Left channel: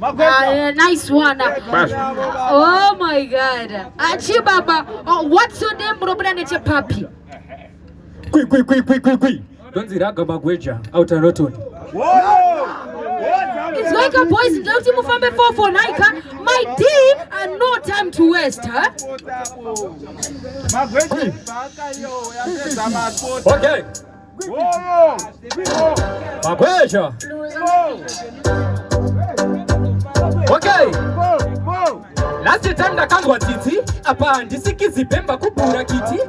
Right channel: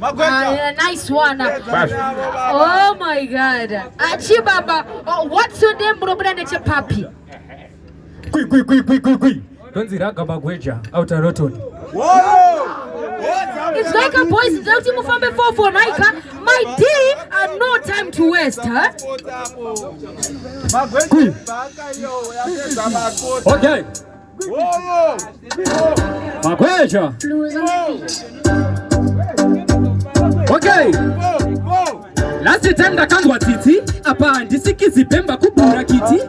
Nice one. Oh my God. Chibaba, what's your name, bro? Papi. Kui. Don't see that Gabagweja out of Roton. It's like a boys, don't you move from before for Nika? My team and no time to waste, huh? Okay. Magweja. Okay. Last time the Kangwa Titi, apa ndisikizi pemba kubura kiti.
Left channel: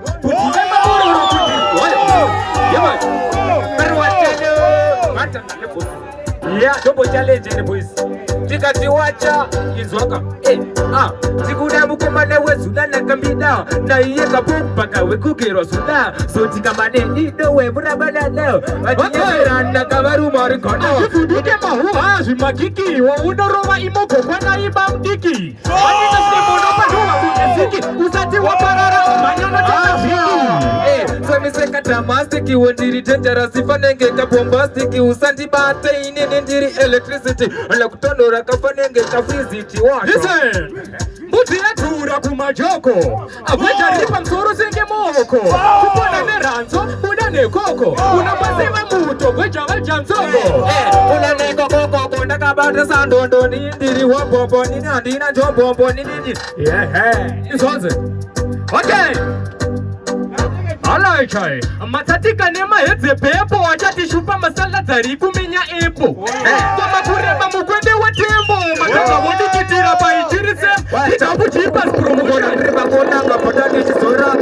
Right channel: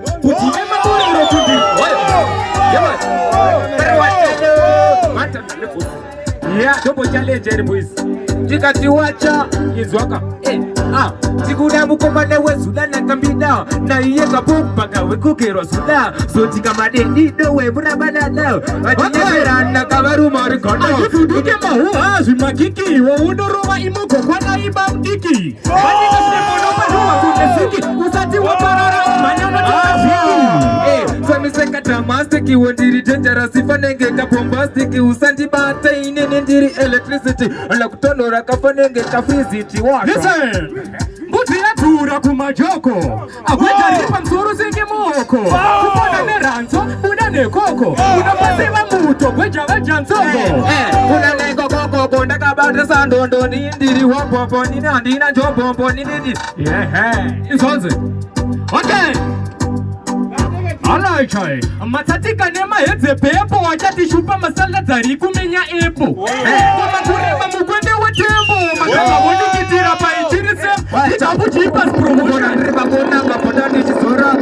Yeah, double challenge boys. Tikatiwacha izwaka. Tikuda mukomane wezulana Kabhidha na iye kapumpa kawe kukirwa sula. So tikamane ndido we murabana leo. Atiyeberana kabaruma rikono. Tuduke mahuwa zimakiki wa unorowa imoko kwa naiba mtiki. Usati wa parara maneno tuwaziki. So miseka tamastiki wondiri dangerous ifanenge kabombastiki. Usanti bata inene ndiri electricity. Ala kutonora kafanenge kafiziti wako. Listen! Mbuzi ya tura kumajoko. Aweta ripa msoro senge moko. Kupone meranzo, unane koko. Unapasema muto, weja msongo. Unane koko, kondaka bate sandondo. Nindiri wapopo, ninandina jombo, nindiri. Yeah, isonze. Okay. Alright, matatika nema yedze pepo wachati shupa masala zari kumenya epo. Kama kurema mukwende wa tembo. Kama wodi kitira pa ichiri sem. Ikapu Chipaz Promotions. Riba kona mapagani chisora.